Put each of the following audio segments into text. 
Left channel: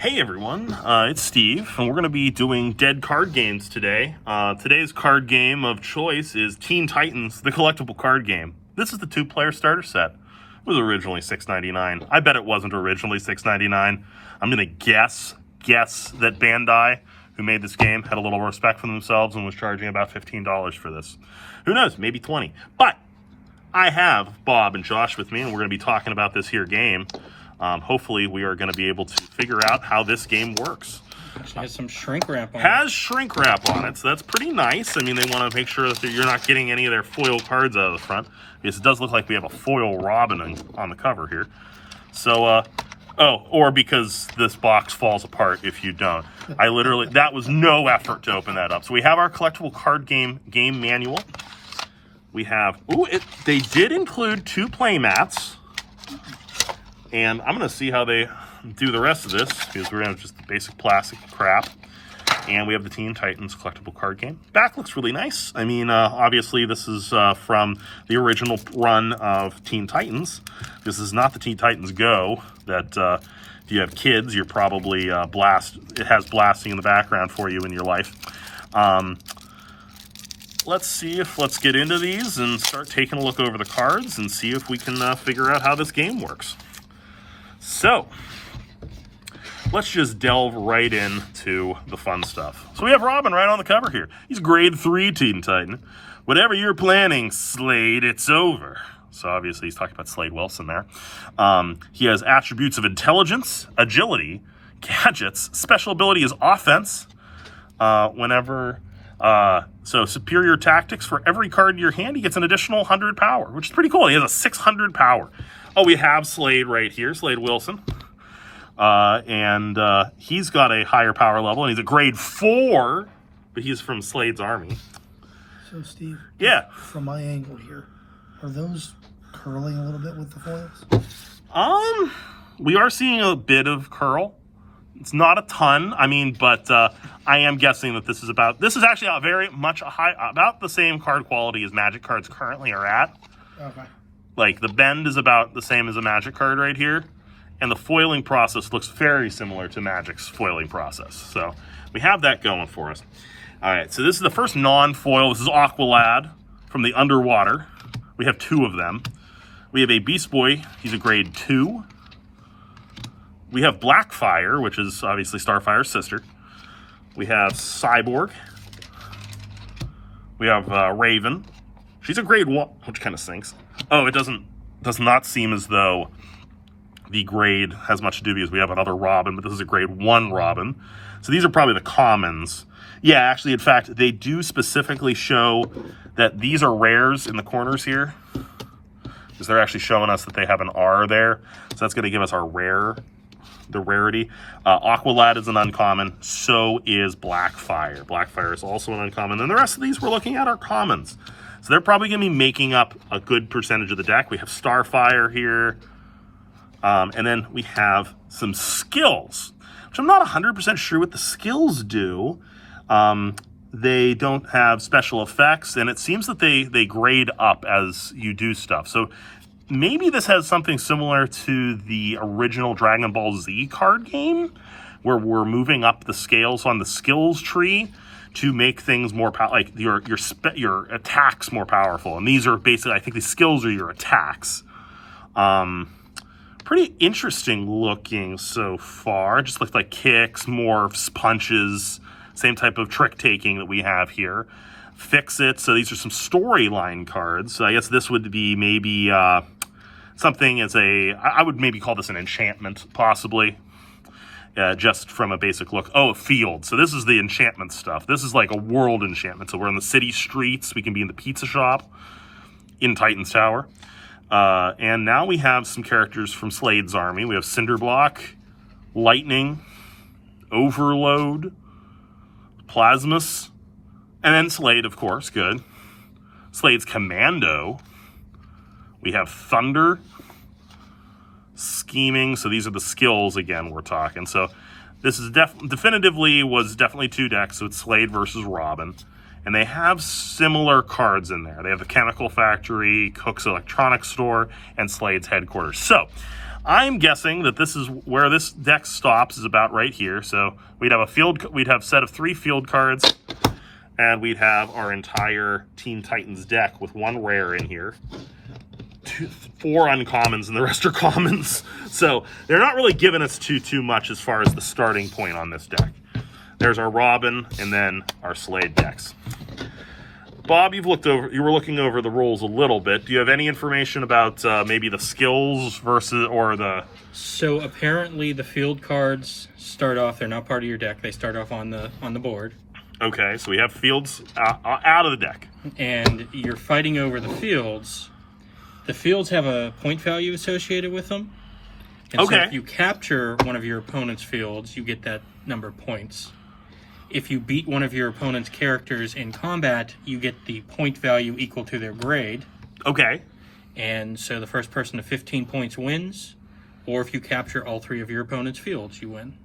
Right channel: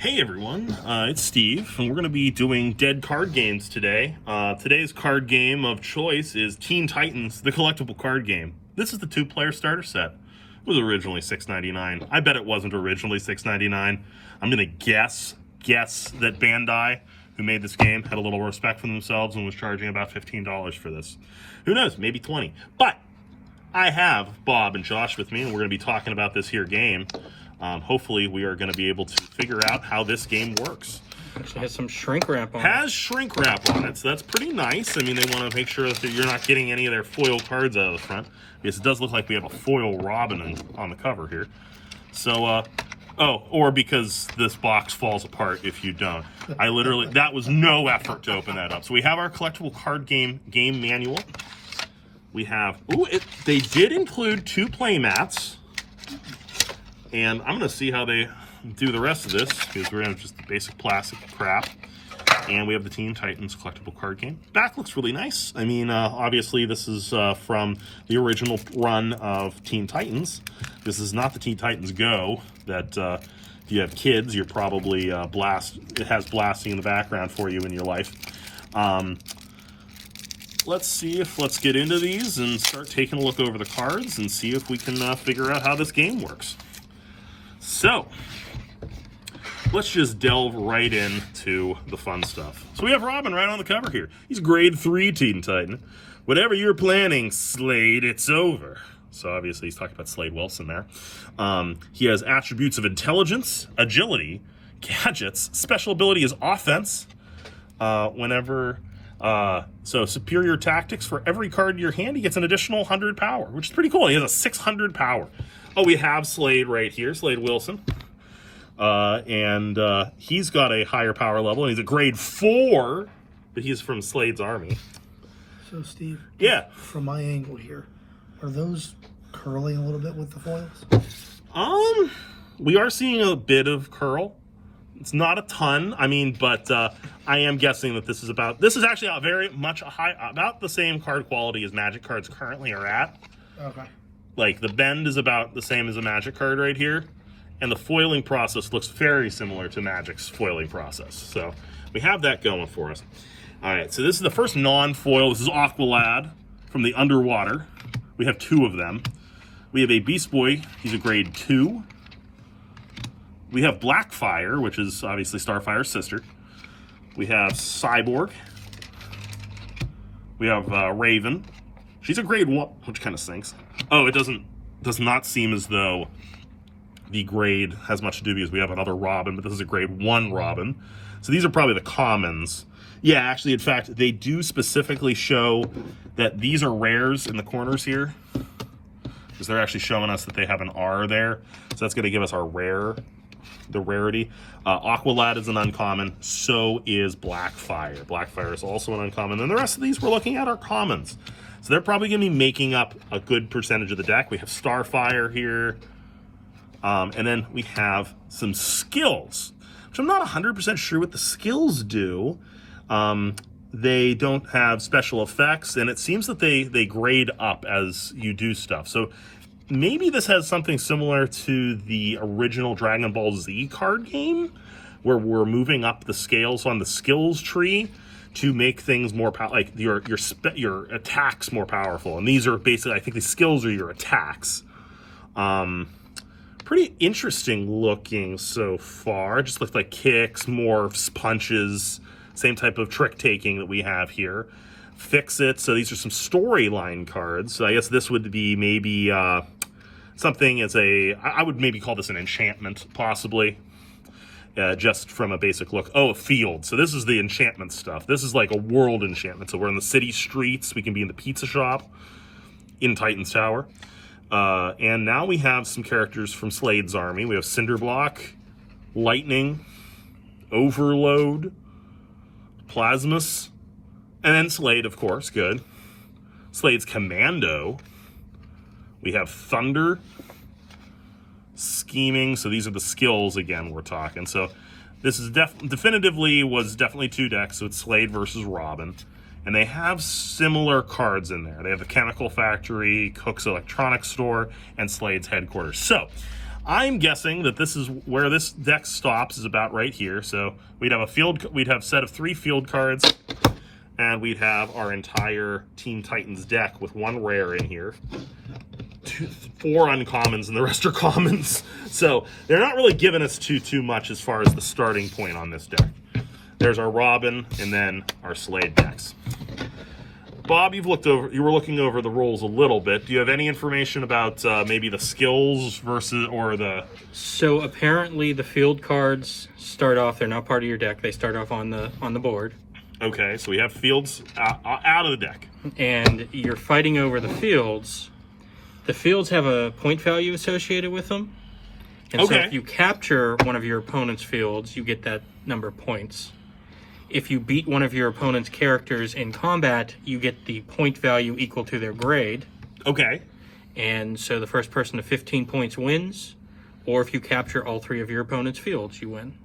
Hey everyone, it's Steve, and we're going to be doing dead card games today. Today's card game of choice is Teen Titans, the collectible card game. This is the 2-player starter set. It was originally $6.99. I bet it wasn't originally $6.99. I'm going to guess that Bandai, who made this game, had a little respect for themselves and was charging about $15 for this. Who knows, maybe 20. But I have Bob and Josh with me, and we're going to be talking about this here game. Hopefully we are going to be able to figure out how this game works. Actually has some shrink wrap on it. Has shrink wrap on it, so that's pretty nice. I mean, they want to make sure that you're not getting any of their foil cards out of the front, because it does look like we have a foil Robin on the cover here. So, or because this box falls apart if you don't. That was no effort to open that up. So we have our collectible card game manual. We have, they did include 2 play mats. And I'm going to see how they do the rest of this, because we're going to just the basic plastic crap. And we have the Teen Titans collectible card game. Back looks really nice. I mean, obviously this is from the original run of Teen Titans. This is not the Teen Titans Go that if you have kids, you're probably it has blasting in the background for you in your life. Let's get into these and start taking a look over the cards and see if we can figure out how this game works. So, let's just delve right into the fun stuff. So we have Robin right on the cover here. He's a grade 3 Teen Titan. Whatever you're planning, Slade, it's over. So obviously he's talking about Slade Wilson there. He has attributes of intelligence, agility, gadgets, special ability is offense. So superior tactics. For every card in your hand, he gets an additional 100 power, which is pretty cool. He has a 600 power. Oh, we have Slade right here, Slade Wilson. And he's got a higher power level, and he's a grade 4, but he's from Slade's army. So, Steve, yeah, from my angle here, are those curling a little bit with the foils? We are seeing a bit of curl. It's not a ton, I mean, but I am guessing that this is actually about the same card quality as Magic cards currently are at. Okay. Like, the bend is about the same as a Magic card right here, and the foiling process looks very similar to Magic's foiling process. So we have that going for us. All right, so this is the first non-foil. This is Aqualad from the Underwater. We have 2 of them. We have a Beast Boy. He's a grade 2. We have Blackfire, which is obviously Starfire's sister. We have Cyborg. We have Raven. She's a grade 1, which kind of stinks. Oh, it does not seem as though the grade has much to do because we have another Robin, but this is a grade 1 Robin. So these are probably the commons. Yeah, actually, in fact, they do specifically show that these are rares in the corners here, because they're actually showing us that they have an R there. So that's going to give us our the rarity. Aqualad is an uncommon, so is Blackfire. Blackfire is also an uncommon, and the rest of these we're looking at are commons. So they're probably going to be making up a good percentage of the deck. We have Starfire here. And then we have some skills, which I'm not 100% sure what the skills do. They don't have special effects, and it seems that they grade up as you do stuff. So maybe this has something similar to the original Dragon Ball Z card game, where we're moving up the scales on the skills tree to make things more like your attacks more powerful. And these are basically, I think the skills are your attacks. Pretty interesting looking so far. Just looks like kicks, morphs, punches, same type of trick taking that we have here. Fix It. So these are some storyline cards. So I guess this would be maybe something as I would maybe call this an enchantment, possibly. Just from a basic look. Oh, a field. So this is the enchantment stuff. This is like a world enchantment. So we're in the city streets. We can be in the pizza shop in Titan's Tower. And now we have some characters from Slade's army. We have Cinderblock, Lightning, Overload, Plasmus, and then Slade, of course. Good. Slade's Commando. We have Thunder, Scheming. So these are the skills again we're talking. So this is definitely 2 decks. So it's Slade versus Robin. And they have similar cards in there. They have the Chemical Factory, Cook's Electronics Store, and Slade's Headquarters. So I'm guessing that this is where this deck stops, is about right here. So we'd have a set of 3 field cards, and we'd have our entire Teen Titans deck with 1 rare in here. 4 uncommons, and the rest are commons. So they're not really giving us too much as far as the starting point on this deck. There's our Robin, and then our Slade decks. Bob, you were looking over the rules a little bit. Do you have any information about maybe the skills So apparently the field cards start off, they're not part of your deck. They start off on the board. Okay, so we have fields out of the deck. And you're fighting over the fields. The fields have a point value associated with them. And so if you capture one of your opponent's fields, you get that number of points. If you beat one of your opponent's characters in combat, you get the point value equal to their grade. Okay. And so the first person to 15 points wins, or if you capture all 3 of your opponent's fields, you win.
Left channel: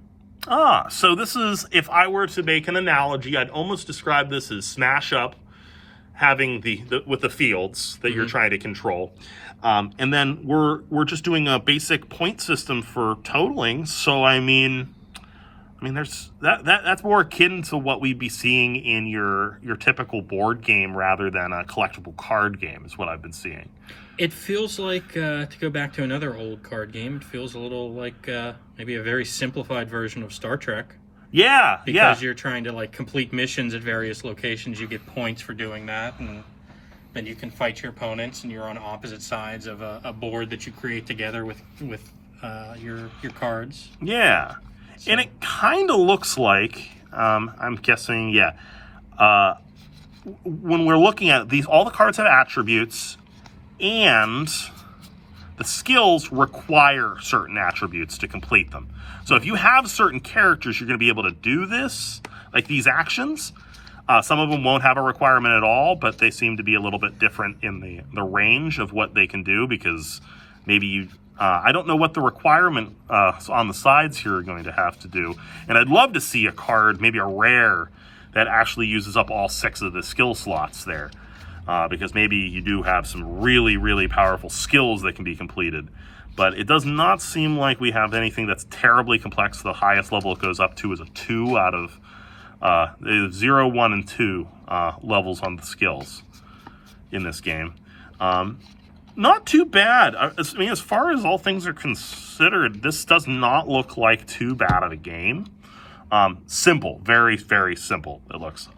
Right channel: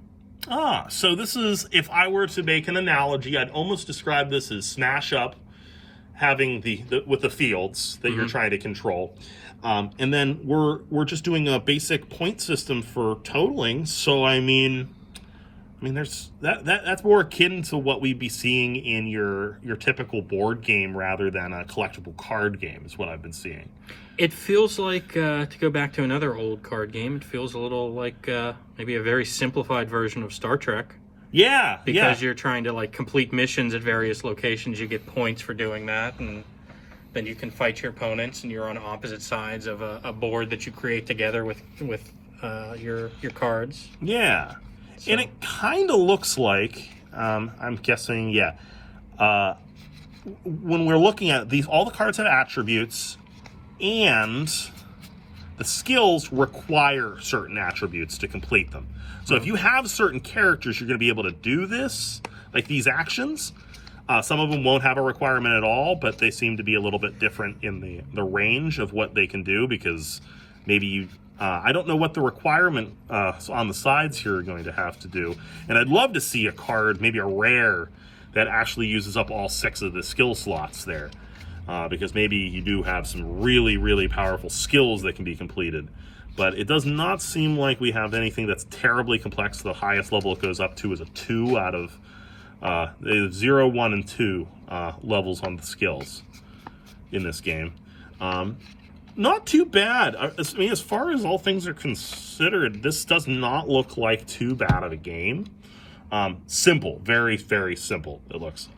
So this is, if I were to make an analogy, I'd almost describe this as Smash Up, having with the fields that you're trying to control. And then we're just doing a basic point system for totaling. So I mean there's that's more akin to what we'd be seeing in your typical board game rather than a collectible card game, is what I've been seeing. It feels like, to go back to another old card game, it feels a little like maybe a very simplified version of Star Trek. Yeah, because you're trying to like complete missions at various locations. You get points for doing that, and then you can fight your opponents, and you're on opposite sides of a board that you create together with your cards. Yeah. So. And it kind of looks like, I'm guessing, when we're looking at these, all the cards have attributes, and the skills require certain attributes to complete them. So if you have certain characters, you're going to be able to do this, like these actions. Some of them won't have a requirement at all, but they seem to be a little bit different in the range of what they can do, because maybe I don't know what the requirement on the sides here are going to have to do. And I'd love to see a card, maybe a rare, that actually uses up all 6 of the skill slots there. Because maybe you do have some really, really powerful skills that can be completed. But it does not seem like we have anything that's terribly complex. The highest level it goes up to is a 2 out of 0, 1, and 2 levels on the skills in this game. Not too bad. I mean, as far as all things are considered, this does not look like too bad of a game. Simple, very, very simple, it looks.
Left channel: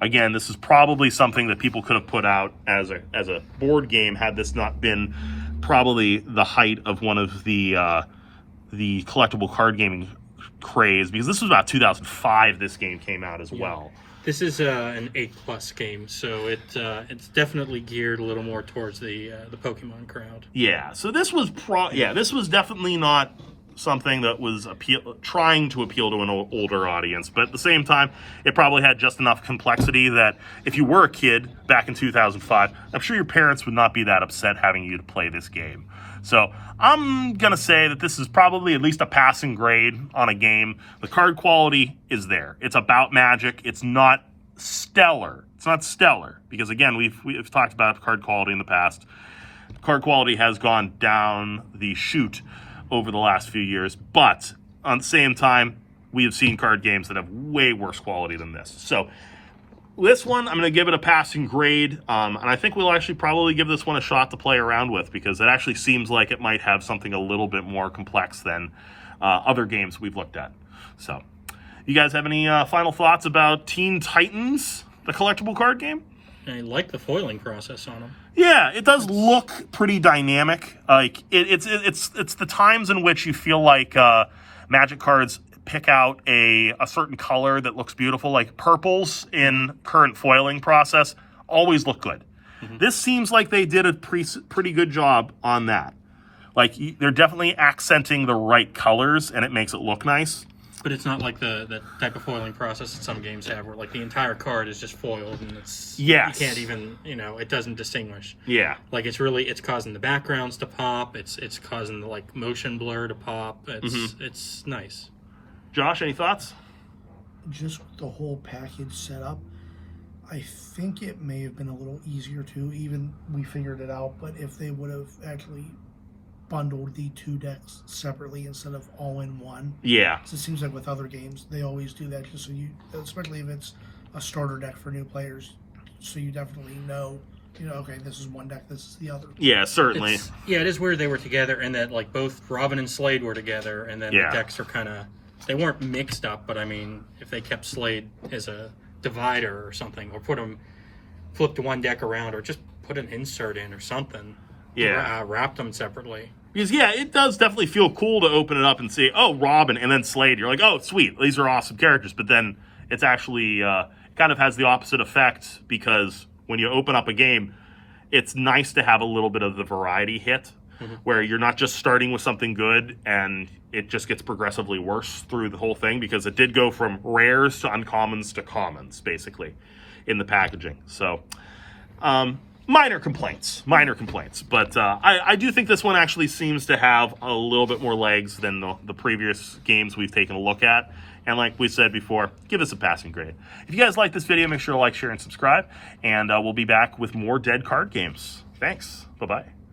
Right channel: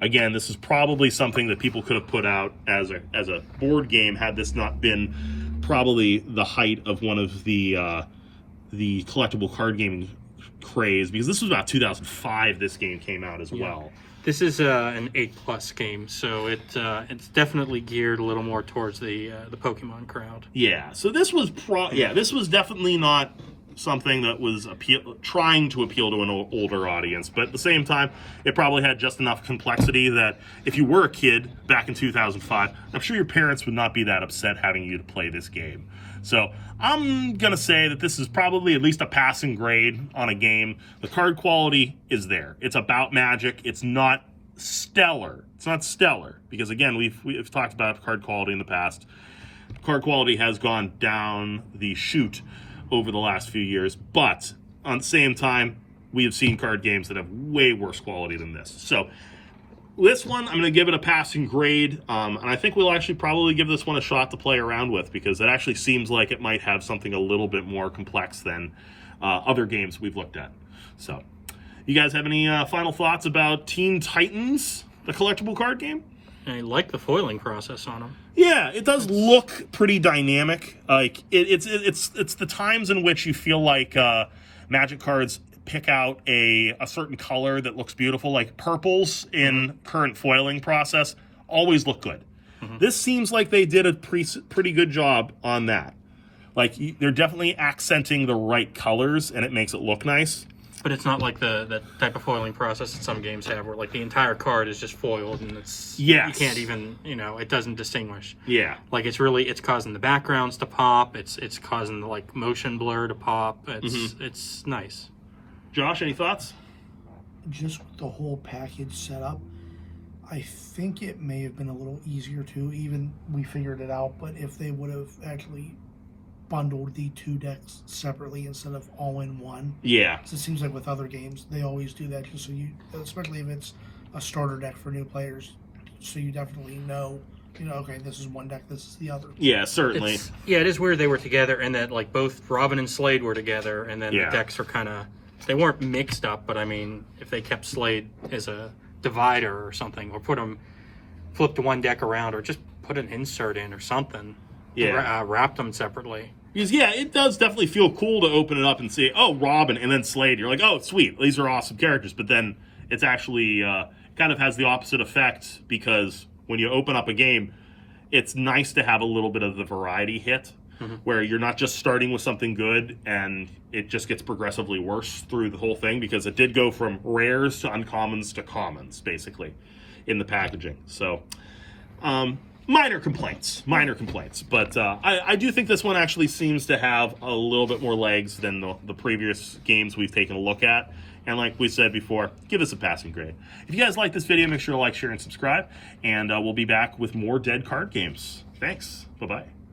Again, this is probably something that people could have put out as a board game had this not been probably the height of one of the collectible card gaming craze, because this was about 2005 this game came out as well. This is an 8+ game, so it's definitely geared a little more towards the Pokemon crowd. Yeah, so this was this was definitely not something that was trying to appeal to an older audience, but at the same time, it probably had just enough complexity that if you were a kid back in 2005, I'm sure your parents would not be that upset having you to play this game. So I'm going to say that this is probably at least a passing grade on a game. The card quality is there. It's about Magic. It's not stellar. It's not stellar because, again, we've talked about card quality in the past. Card quality has gone down the chute over the last few years, but on the same time, we have seen card games that have way worse quality than this. So this one, I'm going to give it a passing grade, and I think we'll actually probably give this one a shot to play around with because it actually seems like it might have something a little bit more complex than other games we've looked at. So, you guys have any final thoughts about Teen Titans, the collectible card game? I like the foiling process on them. Yeah, it does look pretty dynamic. Like it's the times in which you feel like Magic cards pick out a certain color that looks beautiful, like purples in current foiling process always look good. Mm-hmm. This seems like they did a pretty good job on that. Like they're definitely accenting the right colors, and it makes it look nice. But it's not like the type of foiling process that some games have, where like the entire card is just foiled and you can't even, it doesn't distinguish. Yeah, like it's causing the backgrounds to pop. It's causing the like motion blur to pop. It's nice. Josh, any thoughts? Just the whole package setup, I think it may have been a little easier too. Even we figured it out, but if they would have actually bundled the 2 decks separately instead of all in one. Yeah. So it seems like with other games, they always do that just so you, especially if it's a starter deck for new players, so you definitely know, okay, this is one deck, this is the other. Yeah, certainly. Yeah, it is weird they were together and that like both Robin and Slade were together, and then the decks are kind of, they weren't mixed up, but I mean, if they kept Slade as a divider or something, or flipped one deck around, or just put an insert in or something. Yeah. Wrapped them separately. Because, yeah, it does definitely feel cool to open it up and see, oh, Robin, and then Slade. You're like, oh, sweet, these are awesome characters. But then it's actually kind of has the opposite effect, because when you open up a game, it's nice to have a little bit of the variety hit, where you're not just starting with something good and it just gets progressively worse through the whole thing, because it did go from rares to uncommons to commons, basically, in the packaging. So, minor complaints, but I do think this one actually seems to have a little bit more legs than the previous games we've taken a look at. And like we said before, give us a passing grade. If you guys like this video, make sure to like, share, and subscribe. And we'll be back with more dead card games. Thanks. Bye-bye.